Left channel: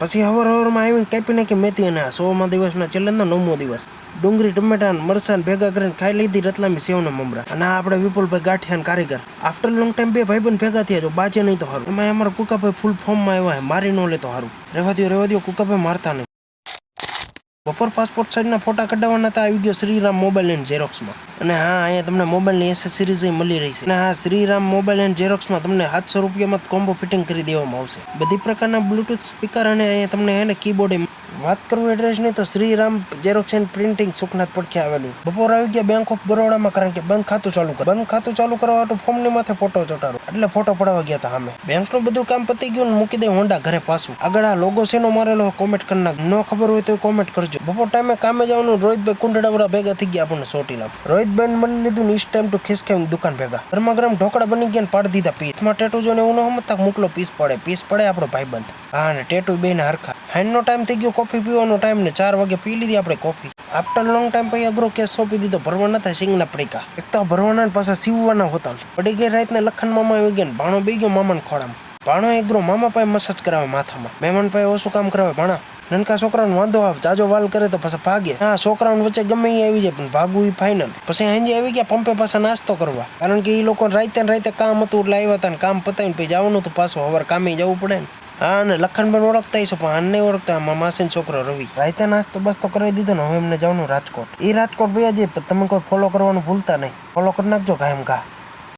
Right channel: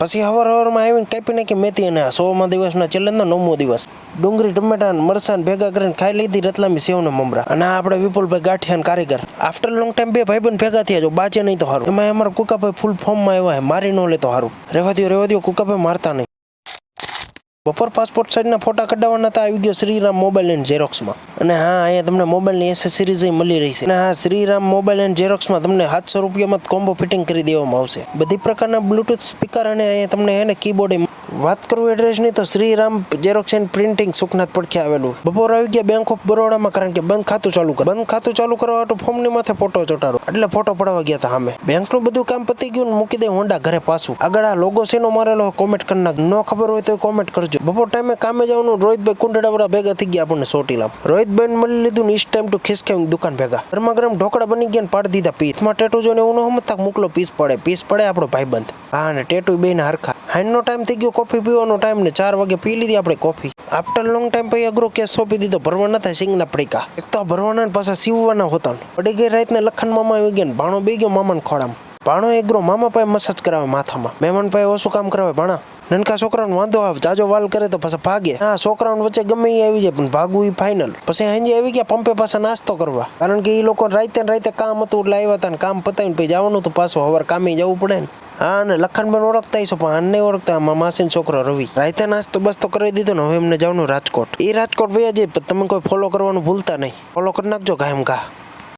પછી હવારમાં આવીને કાપી નાખી મેથી અને 100મા દિવસના છેલ્લે 9મો દિવસ ડુંગળી ટમેટા મરચાં ભેગા કરીને ખાઈ લીધી રતલામી સેવને મમરા. અને આપણે વિપુલભાઈ ગાંઠિયા કારીગર આફ્ટર લોંગ ટાઈમ બે ભાઈબંધ ભેગા થયા જો બાજે નહીં તો સારું. એમાં અમારા કુકાભાઈ ફૂલ ફોર્મમાં આવ્યા મારી ન લે તો સારું. રહેવા દો કુકાભાઈ મારતા નહીં. બપોર પાસપોર્ટ સાઇઝના ફોટા કઢાવવાના હતા. આવી ગયો શ્રીરામ મોબાઈલ એન્ડ ઝેરોક્સમાં. અને હા અહીંયા તમને મોબાઈલની એસેસરીઝ મળી રહી છે. અને હા શ્રીરામ મોબાઈલ એન્ડ ઝેરોક્સમાં તમને 700 રૂપિયામાં કોમ્બો ફિટિંગ કરી દેવામાં આવશે. બધી પ્રકારના બ્લુટૂથ સ્પીકર અને અહીંયા તમને કીબોર્ડ. વાત કરું એડ્રેસની તો Shriram xerox and printing Sukhnath પડખે આવેલું. બપોર આવી ગયા બેંક ઓફ બરોડામાં કારણ કે બંધ ખાતું ચાલુ કરવા માટે ફોર્મની માથે ફોટો ચોટાડો એટલે ફોટો પડાવવા ગયા હતા અમે. બેંકનું બધું કામ પતી ગયું ને મૂકી દે હોન્ડા ઘરે પાછું. આગળ આ લોગો શેનો મારેલો કોમેન્ટ કરી નાખ. ન ખબર હોય તો કોમેન્ટ કરજો. બપોર ટાઈમે કામે જવાનું રોહિતભાઈ કુંડડાવાળા ભેગા થઈ ગયા આપણને સોટીલા. રોહિતભાઈ મળી લીધું ને ટાઈમ ટુ ખિસકેમ દુકાન ભેગા. ગરમા ઢોકળા બની ગયા ને પાડી દીધા પીસમાં. ટેટુ જોઈને એવું ન સમજતા મોકલો પીસ પડે આપણો ભાઈબંધ. હા ને ટેટુ બેને હરખા. હાઈનનો ટાઈમ થઈ ગયો કોફી પીવાનો ટાઈમ ને 4 વાગે પી લીધી આપણે કોફી. આફ્ટર લોંગ ટાઈમ પછી અઘરો કેસ સોંપી દીધો. ભરવા નતા સિંગના પડીકા. એક તો ભરવાના પાછા સીવવાના હોતા. પડી ગઈ રાતને લખન મામા આવી ગયા. ભાણો બે ગયો મામાને ખોડામાં. ભાણો એગ્રો મામા પાસે મસાજ કરાવે માથામાં. મહેમાન પાસે ઓછું કામ કરાવે ભાણા. નનકા છોકરાને વાંધો આવે જાજો વાલ કરે તો પાછા ભાગે. હા છોકરાઓને વચ્ચે ગમે એ આવી જાય પણ ભાગવું એ ફાઇનલ. પછી હેંજે આવી ગયા પંપે પાછા નાસ્તો કરવા. કારણ કે એ લોકો રાતે કામ હતું એટલે આવ્યા હતા ને કામ પતાવીને પછી જવાનું હતું પાછું. સવારે કામે જવું પડે ને. હા ને લખનબેન ઓળખતા હશો પણ આને નહીં ઓળખતા. માસીનો છોકરો રવિ. રાતે નાસ્તો બસ્તો કરી દીધો ને હવે એમને જવાનું રાજકોટ. એ રાજકોટ વયા જાય તમે કોઈ ફોલો કરવાનું ભૂલતા નહીં. ફોલો કરી નાખજો કાયમ ઘા.